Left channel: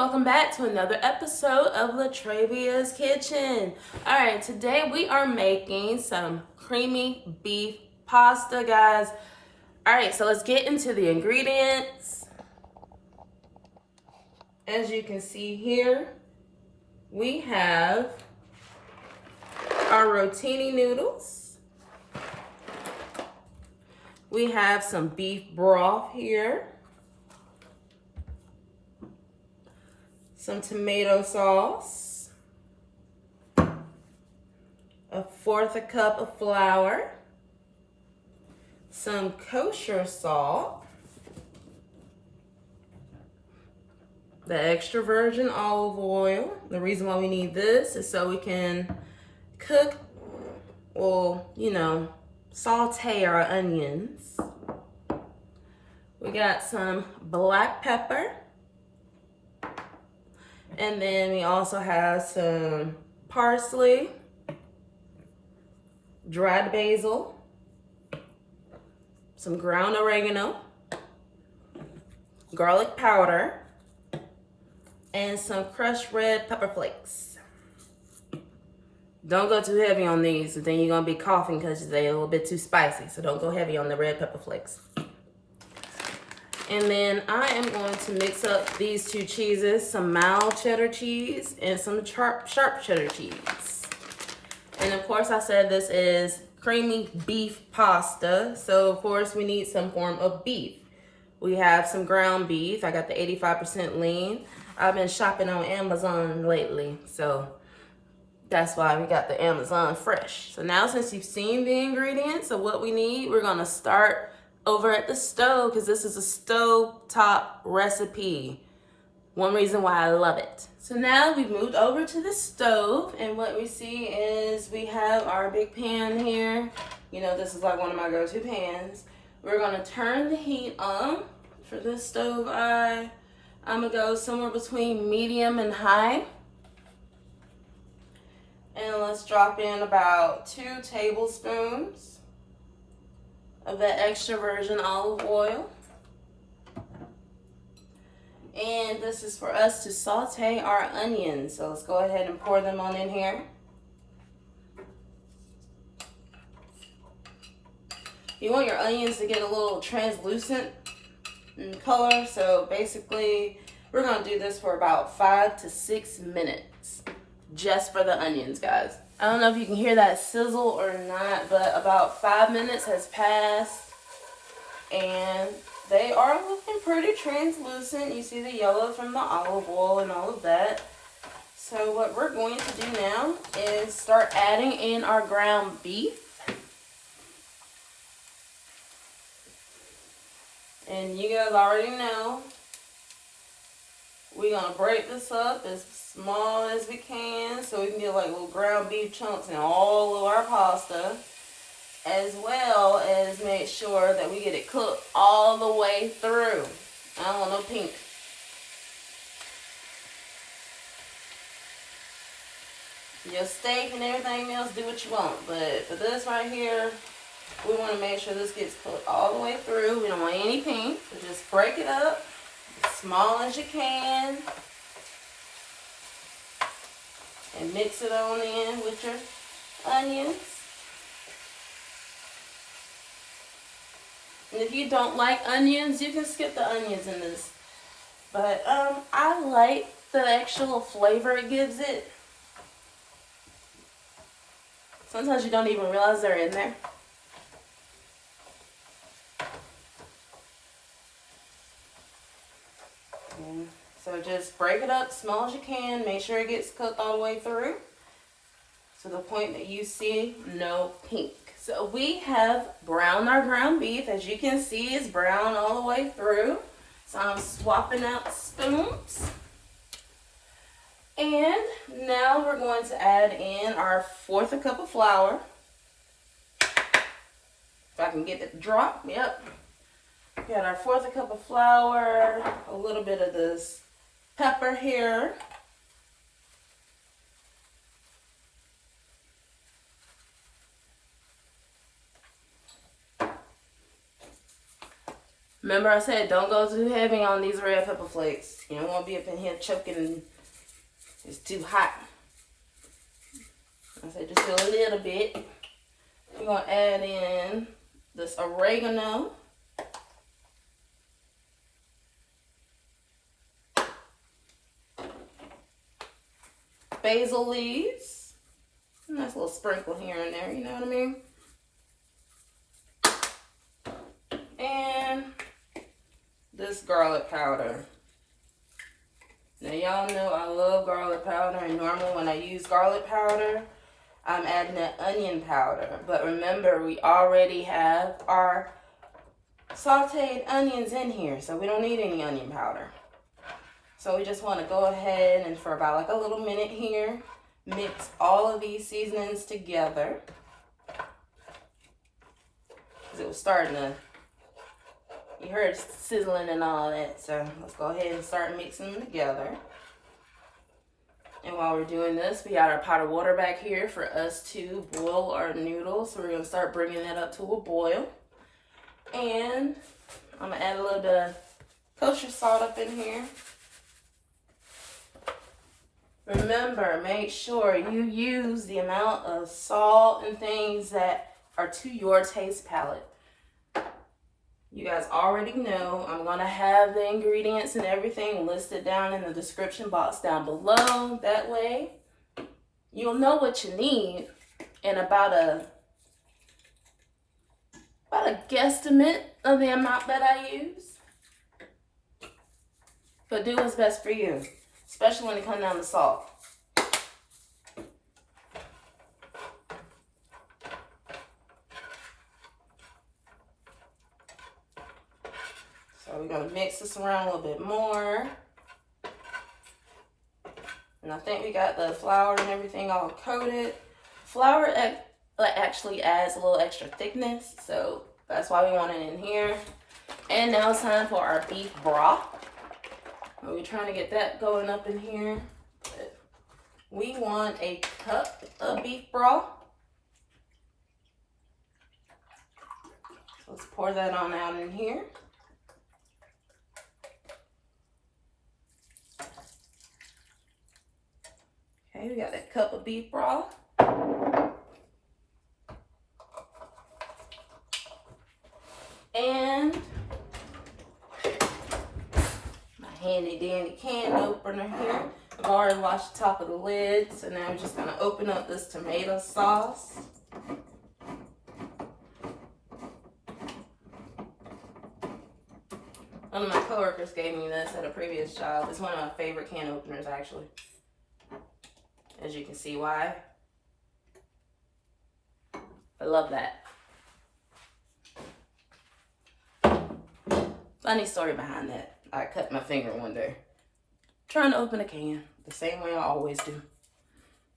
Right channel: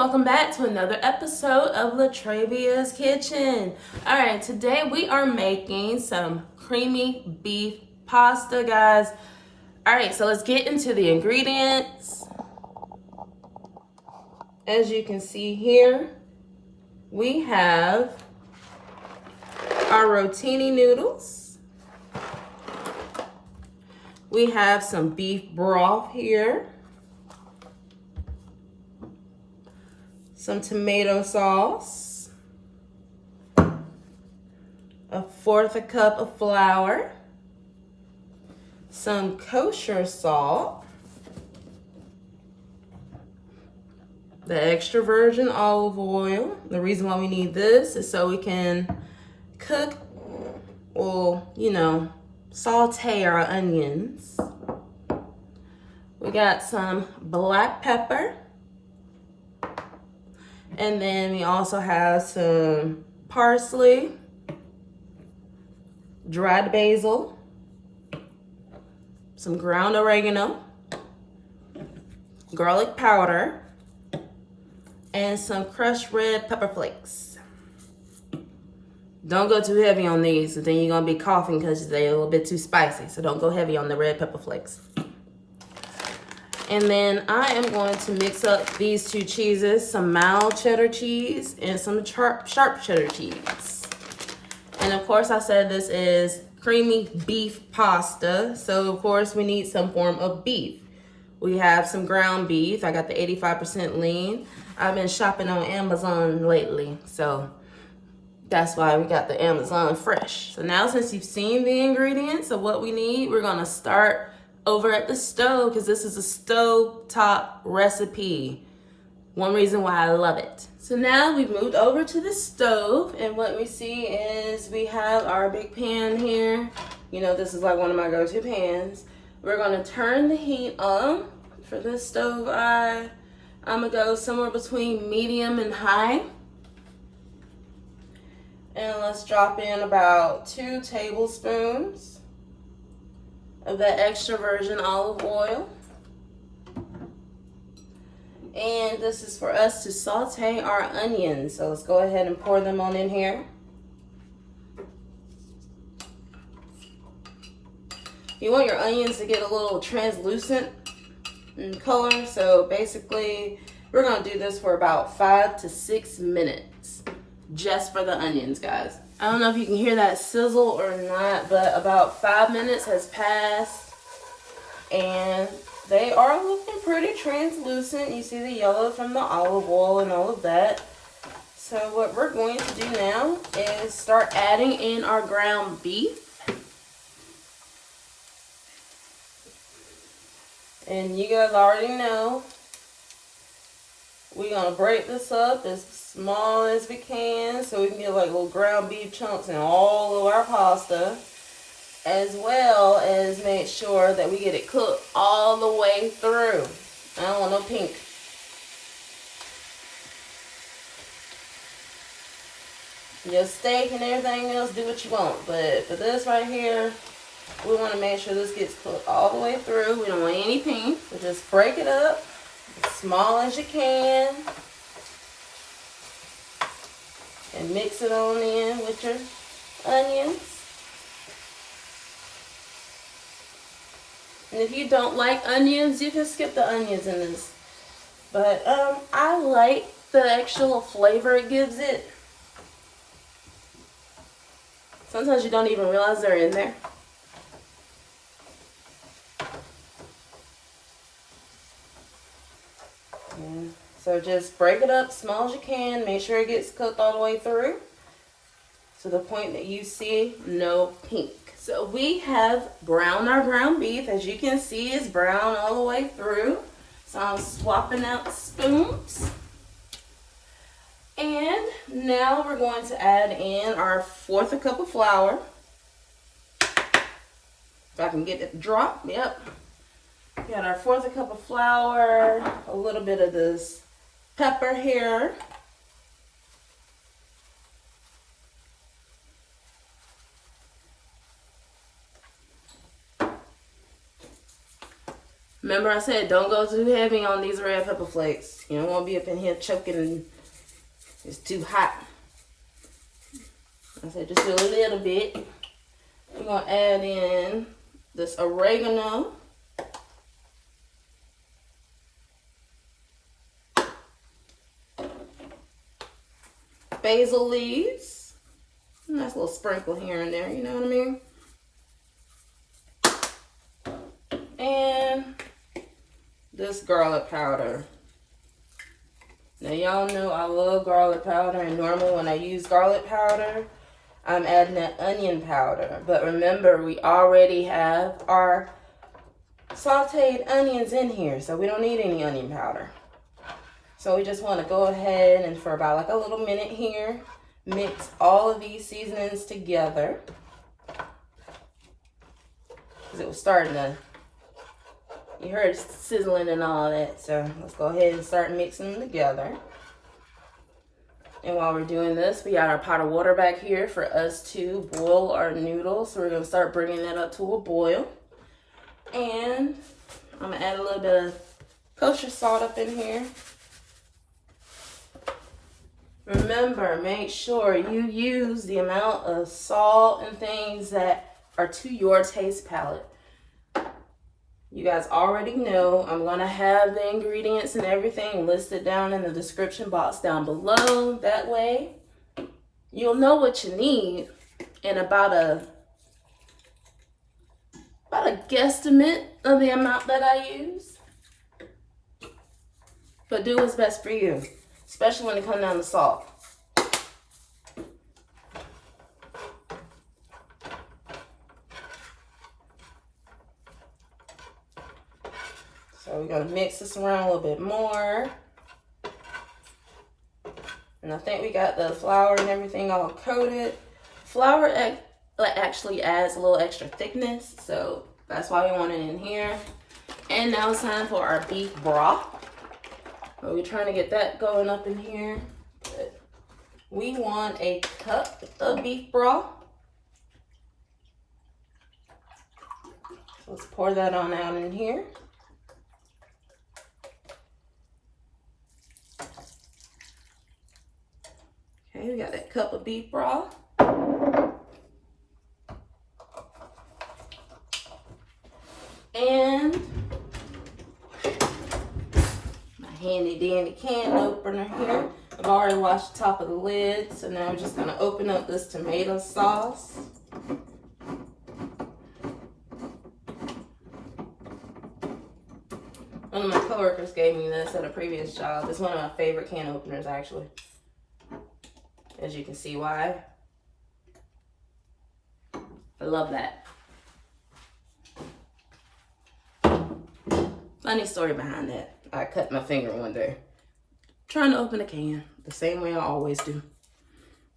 welcome back to another episode of Latravia's Kitchen. All right, today we are making some creamy beef pasta, guys. All right, so let's get into the ingredients. As you can see here, we have our Rotini noodles. We have some beef broth here. Some tomato sauce, 1/4 cup of flour, some kosher salt, the extra virgin olive oil. The reason why we need this is so we can cook, saute our onions. We got some black pepper. And then we also have some parsley, dried basil, some ground oregano, garlic powder, and some crushed red pepper flakes. Don't go too heavy on these, and then you're gonna be coughing because they're a little bit too spicy. So don't go heavy on the red pepper flakes. And then I am going to mix up these two cheeses, some mild cheddar cheese and some sharp cheddar cheese. And of course I said this is creamy beef pasta. So of course we need some form of beef. We have some ground beef. I got the 85% lean. I've been shopping on Amazon lately, so that's why we got the Amazon fresh. So now since you've seen the ingredients of what we need, we're gonna start over at the stove because this is a stove top recipe. One reason why I love it. So now we've moved over to the stove, and what we see is we have our big pan here. You know, this is like one of my go-to pans. We're gonna turn the heat on for this stove. I'm gonna go somewhere between medium and high. And let's drop in about 2 tablespoons of that extra virgin olive oil. And this is for us to saute our onions. So let's go ahead and pour them on in here. You want your onions to get a little translucent in color. So basically, we're gonna do this for about 5 to 6 minutes. Just for the onions, guys. I don't know if you can hear that sizzle or not, but about 5 minutes has passed and they are looking pretty translucent. You see the yellow from the olive oil and all of that. So what we're going to do now is start adding in our ground beef. And you guys already know we're gonna break this up as small as we can so we can get like little ground beef chunks in all of our pasta, as well as make sure that we get it cooked all the way through. I don't want no pink. Your steak and everything else, do what you want, but for this right here, we want to make sure this gets cooked all the way through. We don't want any pink, so just break it up as small as you can and mix it on in with your onions. And if you don't like onions, you can skip the onions in this, but I like the actual flavor it gives it. Sometimes you don't even realize they're in there. So just break it up small as you can. Make sure it gets cooked all the way through to the point that you see no pink. So we have browned our ground beef. As you can see, it's brown all the way through. So I'm swapping out spoons. And now we're going to add in our 1/4 cup of flour. If I can get it to drop, yep. Got our 1/4 cup of flour, a little bit of this pepper here. Remember I said don't go too heavy on these red pepper flakes. You don't want to be up in here choking and it's too hot. I said just do a little bit. We're going to add in this oregano. Basil leaves. Nice little sprinkle here and there, you know what I mean? And this garlic powder. Now y'all know I love garlic powder, and normally when I use garlic powder, I'm adding that onion powder. But remember, we already have our sauteed onions in here, so we don't need any onion powder. So we just want to go ahead and for about like a little minute here, mix all of these seasonings together. Because it was starting to, you heard sizzling and all that. So let's go ahead and start mixing them together. And while we're doing this, we got our pot of water back here for us to boil our noodles. So we're going to start bringing that up to a boil. And I'm going to add a little bit of kosher salt up in here. Remember, make sure you use the amount of salt and things that are to your taste palette. You guys already know I'm going to have the ingredients and everything listed down in the description box down below. That way, you'll know what you need and about a guesstimate of the amount that I use. But do what's best for you, especially when it comes down to salt. So we're going to mix this around a little bit more. And I think we got the flour and everything all coated. Flour actually adds a little extra thickness, so that's why we want it in here. And now it's time for our beef broth. We're trying to get that going up in here. But we want a cup of beef broth. So let's pour that on out in here. Okay, we got that cup of beef broth. And my handy dandy can opener here. I've already washed the top of the lid, so now I'm just gonna open up this tomato sauce. One of my coworkers gave me this at a previous job. It's one of my favorite can openers, actually. As you can see why. I love that. Funny story behind that. I cut my finger one day trying to open a can the same way I always do.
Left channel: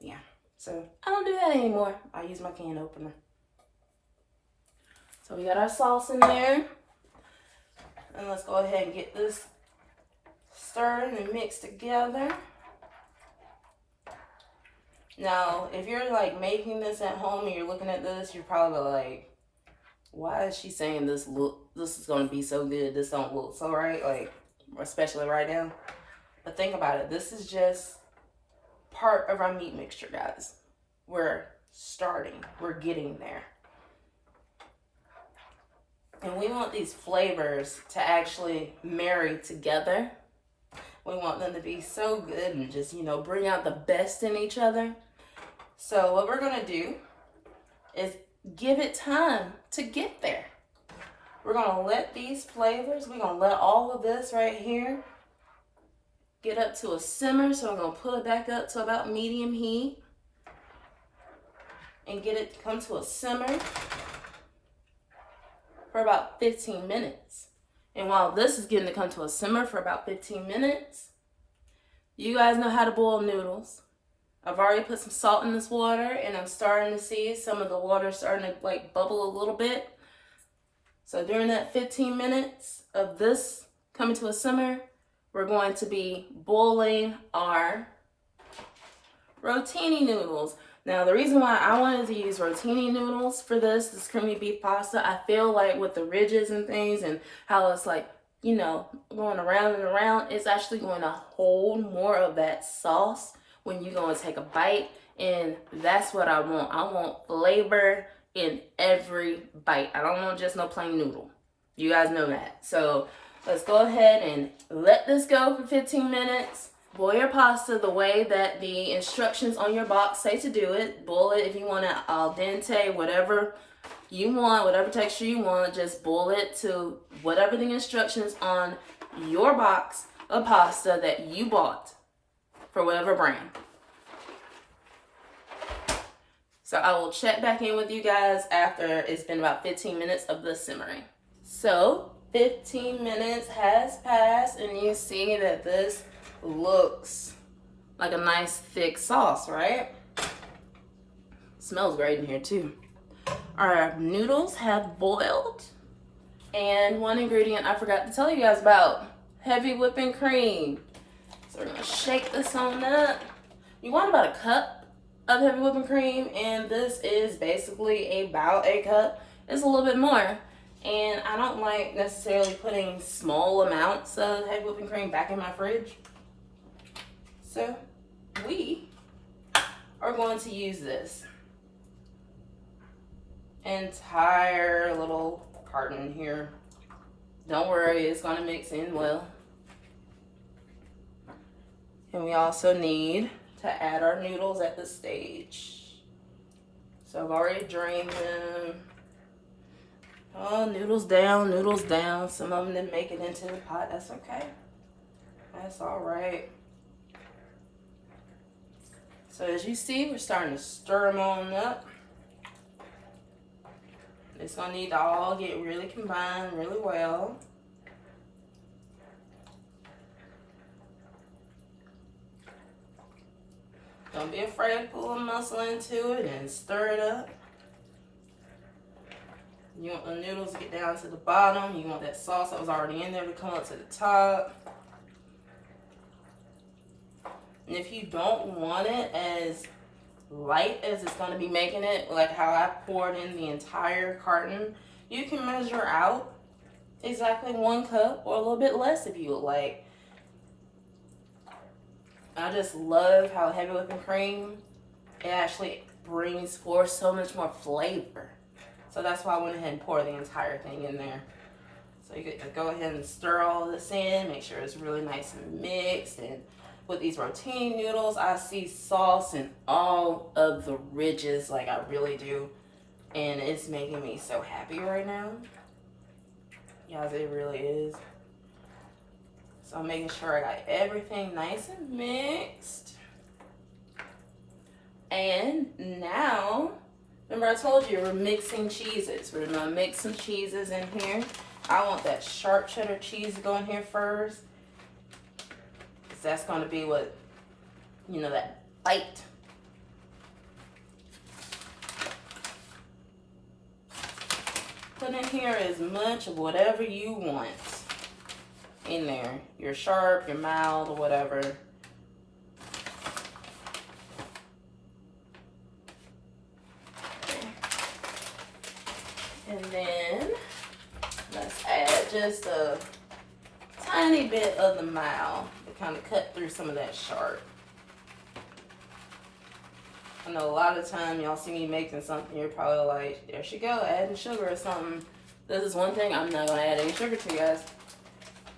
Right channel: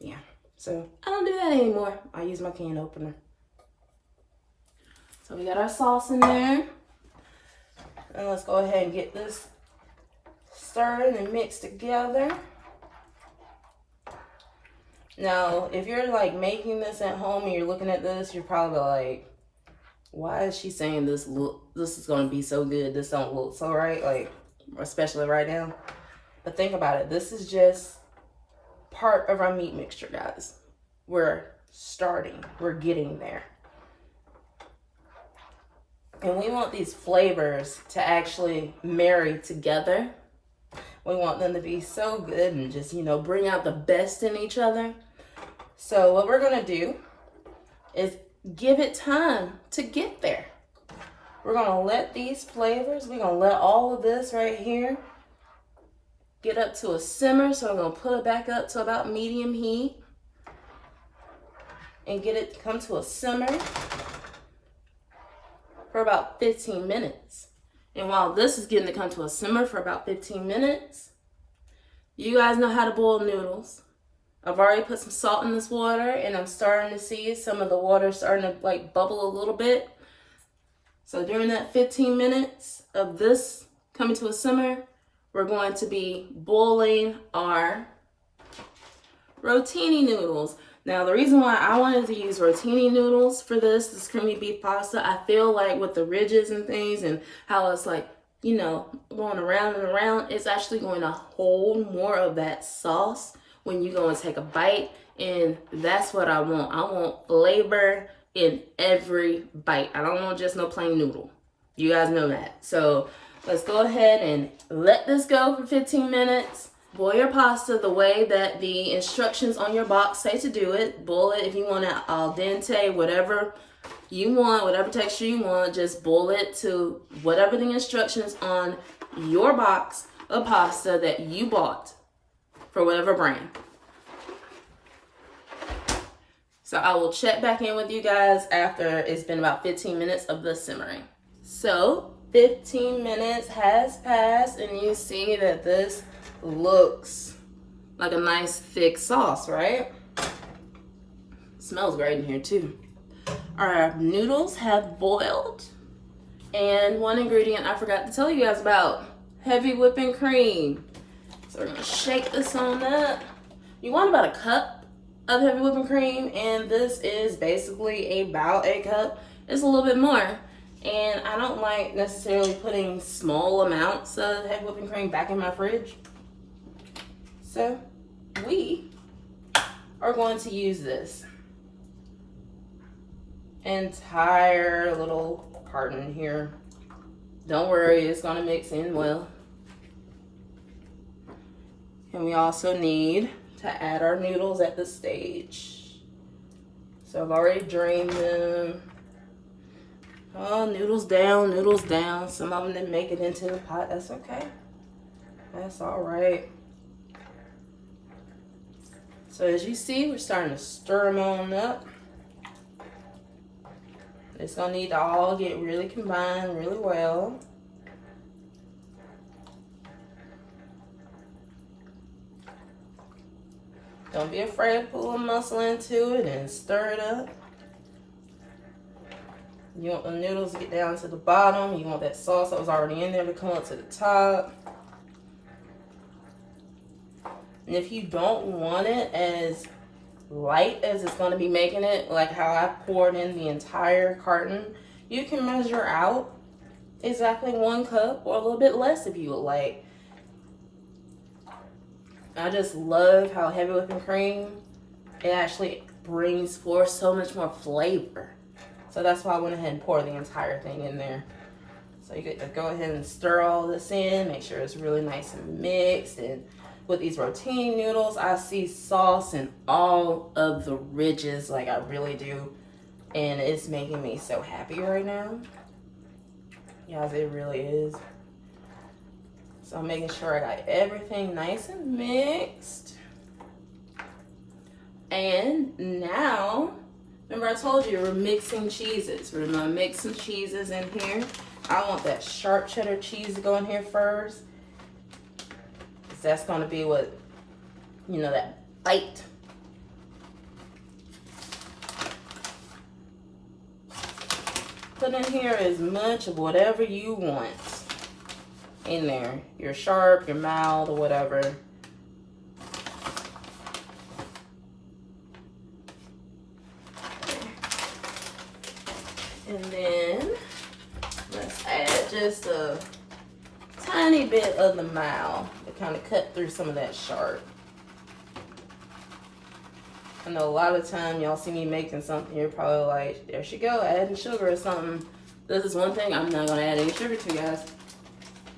Yeah, so I don't do that anymore. I use my can opener. So we got our sauce in there. And let's go ahead and get this stirred and mixed together. Now, if you're like making this at home and you're looking at this, you're probably like, why is she saying this is going to be so good? This don't look so right, like, especially right now. But think about it. This is just part of our meat mixture, guys. We're starting. We're getting there. And we want these flavors to actually marry together. We want them to be so good and just, you know, bring out the best in each other. So what we're going to do is give it time to get there. We're going to let these flavors, we're going to let all of this right here get up to a simmer. So I'm going to put it back up to about medium heat and get it to come to a simmer for about 15 minutes. And while this is getting to come to a simmer for about 15 minutes, you guys know how to boil noodles. I've already put some salt in this water, and I'm starting to see some of the water starting to like bubble a little bit. So during that 15 minutes of this coming to a simmer, we're going to be boiling our Rotini noodles. Now, the reason why I wanted to use Rotini noodles for this creamy beef pasta, I feel like with the ridges and things and how it's like, you know, going around and around, it's actually going to hold more of that sauce when you go and take a bite. And that's what I want. I want flavor in every bite. I don't want just no plain noodle. You guys know that. So let's go ahead and let this go for 15 minutes. Boil your pasta the way that the instructions on your box say to do it. Boil it if you want it al dente, whatever you want, whatever texture you want. Just boil it to whatever the instructions on your box of pasta that you bought for whatever brand. So I will check back in with you guys after it's been about 15 minutes of the simmering. So 15 minutes has passed and you see that this looks like a nice thick sauce, right? Smells great in here too. Our noodles have boiled, and one ingredient I forgot to tell you guys about, heavy whipping cream. So we're gonna shake this on up. You want about a cup of heavy whipping cream, and this is basically about a cup. It's a little bit more, and I don't like necessarily putting small amounts of heavy whipping cream back in my fridge. So we are going to use this entire little carton here. Don't worry, it's gonna mix in well. And we also need to add our noodles at this stage. So I've already drained them. Oh, noodles down, noodles down. Some of them didn't make it into the pot. That's okay. That's all right. So as you see, we're starting to stir them on up. It's gonna need to all get really combined really well. Don't be afraid to put a little muscle into it and stir it up. You want the noodles to get down to the bottom. You want that sauce that was already in there to come up to the top. And if you don't want it as light as it's going to be making it, like how I poured in the entire carton, you can measure out exactly 1 cup or a little bit less if you would like. I just love how heavy whipping cream, it actually brings forth so much more flavor. So that's why I went ahead and poured the entire thing in there. So you get to go ahead and stir all this in, make sure it's really nice and mixed. And with these Rotini noodles, I see sauce in all of the ridges, like I really do. And it's making me so happy right now. Yes, it really is. So I'm making sure I got everything nice and mixed. And now, remember I told you we're mixing cheeses. We're gonna mix some cheeses in here. I want that sharp cheddar cheese to go in here first. That's going to be what, you know, that bite. Put in here as much of whatever you want in there. Your sharp, your mild, or whatever. And then let's add just a tiny bit of the mild to kind of cut through some of that sharp. I know a lot of time y'all see me making something, you're probably like, there she go, adding sugar or something. This is one thing I'm not gonna add any sugar to, guys.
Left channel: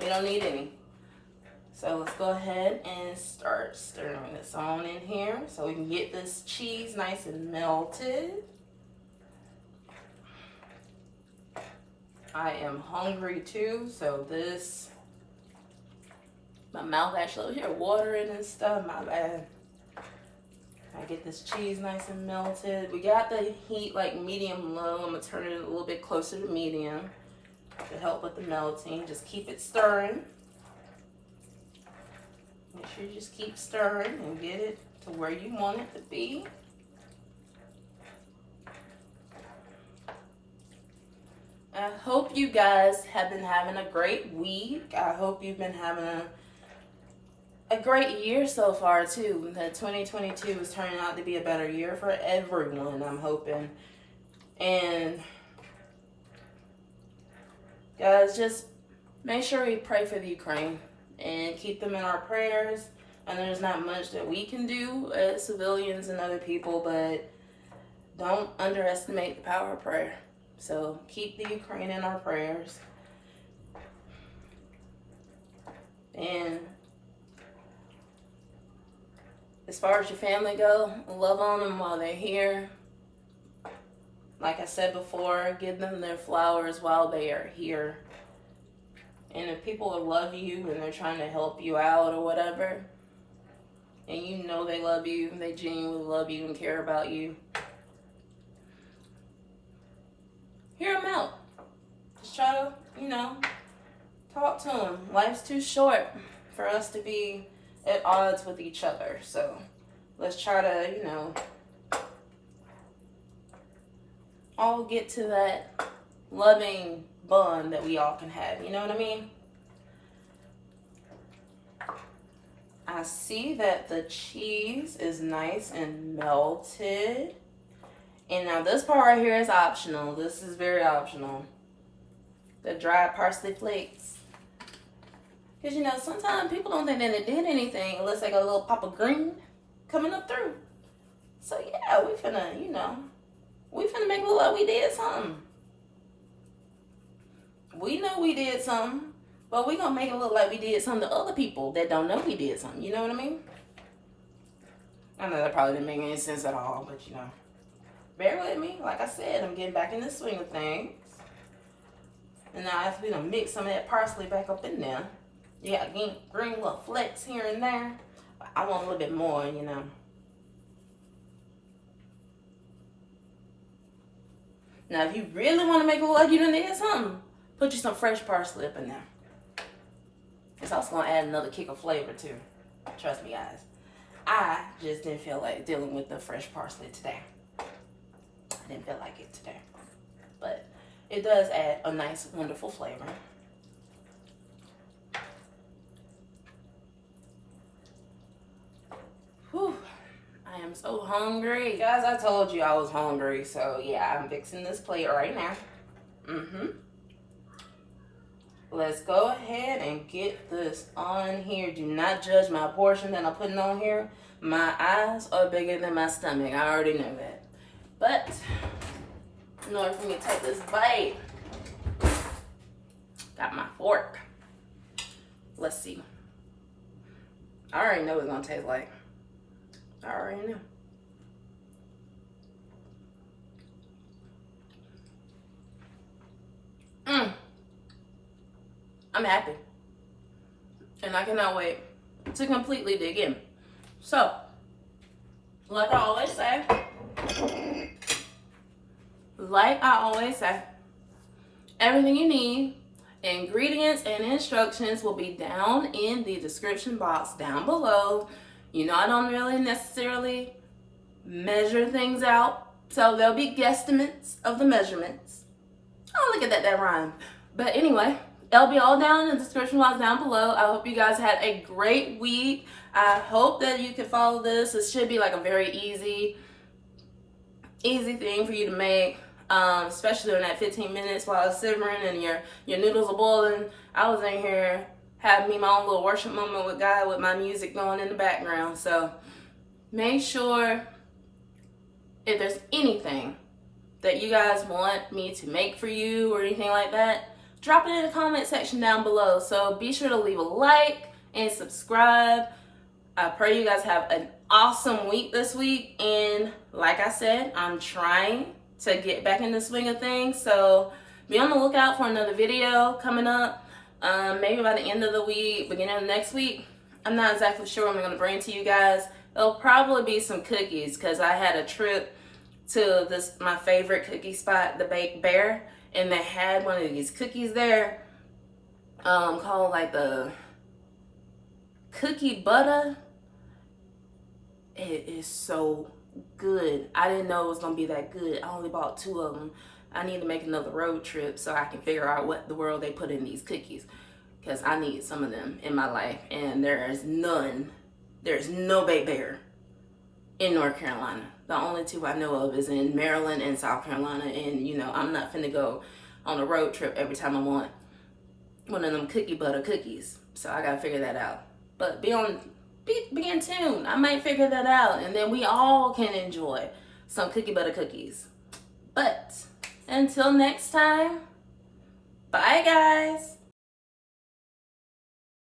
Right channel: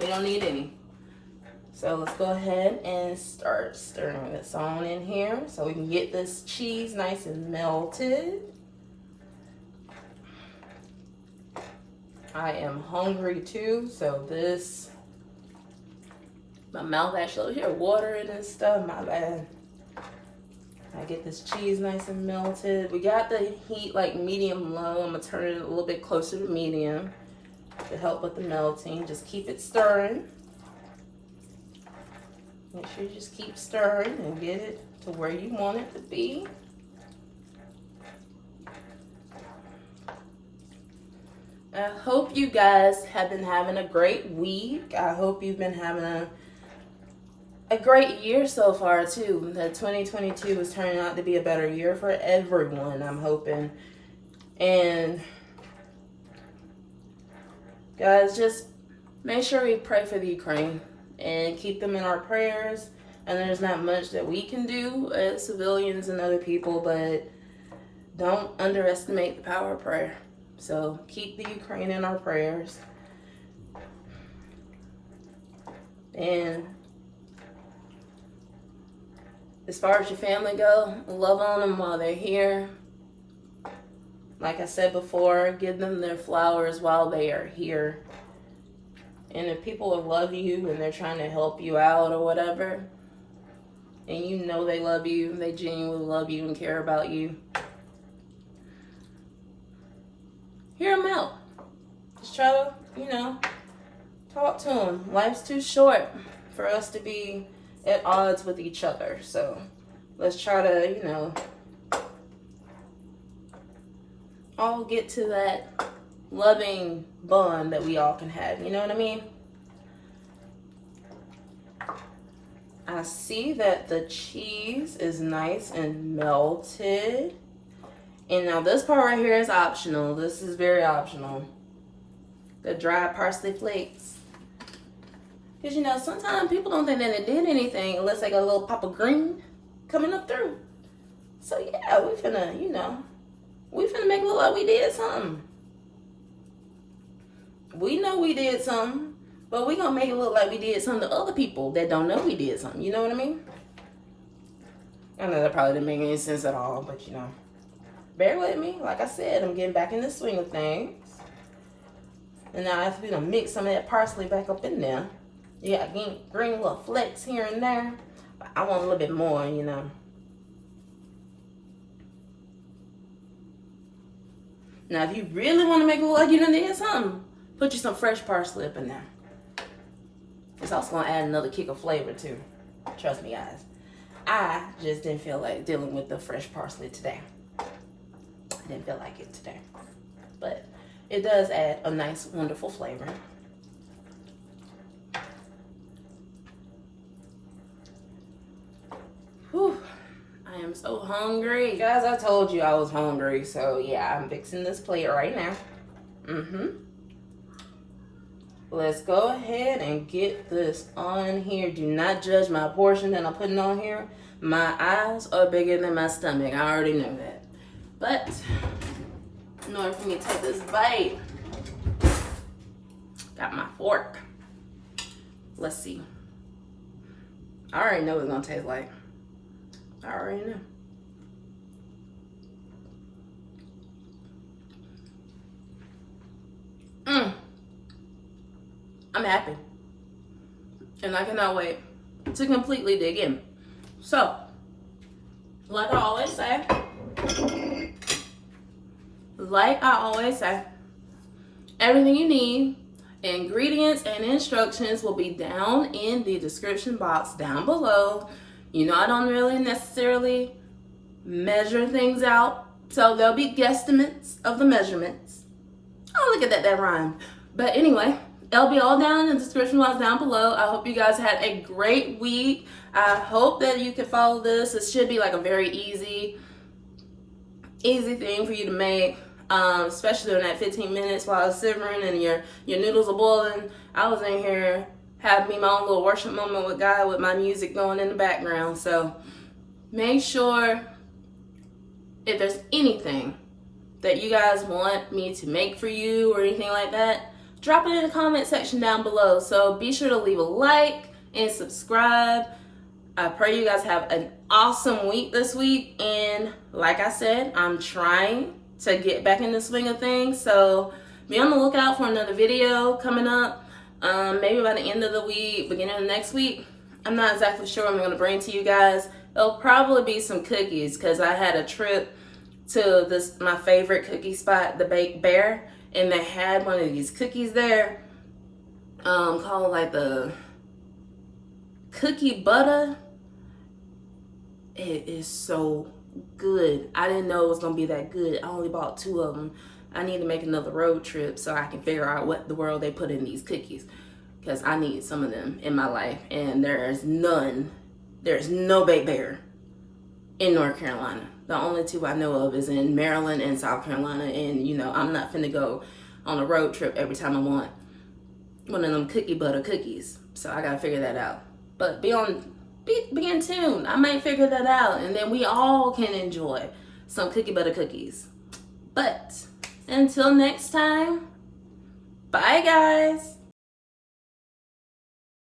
We don't need any. So let's go ahead and start stirring this on in here so we can get this cheese nice and melted. I am hungry too, so this, my mouth actually over here watering and stuff, my bad. I get this cheese nice and melted. We got the heat like medium low. I'm gonna turn it a little bit closer to medium to help with the melting. Just keep it stirring. Make sure you just keep stirring and get it to where you want it to be. I hope you guys have been having a great week. I hope you've been having a great year so far too. That 2022 is turning out to be a better year for everyone, I'm hoping. And guys, just make sure we pray for the Ukraine and keep them in our prayers. And there's not much that we can do as civilians and other people, but don't underestimate the power of prayer. So keep the Ukraine in our prayers. And as far as your family go, love on them while they're here. Like I said before, give them their flowers while they are here. And if people love you and they're trying to help you out or whatever, and you know they love you, they genuinely love you and care about you, hear them out. Just try to, talk to them. Life's too short for us to be at odds with each other. So let's try to, all get to that loving bond that we all can have. You know what I mean? I see that the cheese is nice and melted. And now this part right here is optional. This is very optional. The dried parsley flakes. Because, sometimes people don't think that it did anything unless they got a little pop of green coming up through. So, yeah, we finna, we finna make it look like we did something. We know we did something, but we gonna make it look like we did something to other people that don't know we did something. You know what I mean? I know that probably didn't make any sense at all, but, bear with me. Like I said, I'm getting back in the swing of things. And now I have to mix some of that parsley back up in there. You got green little flakes here and there. But I want a little bit more, Now, if you really want to make it look like you done did something, put you some fresh parsley up in there. It's also going to add another kick of flavor, too. Trust me, guys. I just didn't feel like dealing with the fresh parsley today. I didn't feel like it today. But it does add a nice, wonderful flavor. Whew. I am so hungry. Guys, I told you I was hungry. So, yeah, I'm fixing this plate right now. Let's go ahead and get this on here. Do not judge my portion that I'm putting on here. My eyes are bigger than my stomach. I already know that. But in order for me to take this bite, got my fork. Let's see. I already know what it's gonna taste like. I already know. I'm happy. And I cannot wait to completely dig in. So, like I always say, everything you need, ingredients and instructions will be down in the description box down below. I don't really necessarily measure things out, so there'll be guesstimates of the measurements. Oh, look at that, that rhymed. But anyway, it'll be all down in the description box down below. I hope you guys had a great week. I hope that you can follow this. It should be like a very easy thing for you to make, especially during that 15 minutes while it's simmering and your noodles are boiling. I was in here having me my own little worship moment with God with my music going in the background. So make sure if there's anything that you guys want me to make for you or anything like that, drop it in the comment section down below. So be sure to leave a like and subscribe. I pray you guys have an awesome week this week. And like I said, I'm trying to get back in the swing of things. So be on the lookout for another video coming up. Maybe by the end of the week, beginning of next week. I'm not exactly sure what I'm going to bring to you guys. It'll probably be some cookies because I had a trip to my favorite cookie spot, the Baked Bear. And they had one of these cookies there called like the cookie butter. It is so good. I didn't know it was gonna be that good. I only bought 2 of them. I need to make another road trip so I can figure out what the world they put in these cookies. because I need some of them in my life. And there's no baked bear in North Carolina. The only two I know of is in Maryland and South Carolina. And, you know, I'm not finna go on a road trip every time I want one of them cookie butter cookies. So I gotta figure that out. But be in tune. I might figure that out, and then we all can enjoy some cookie butter cookies. But until next time, bye guys.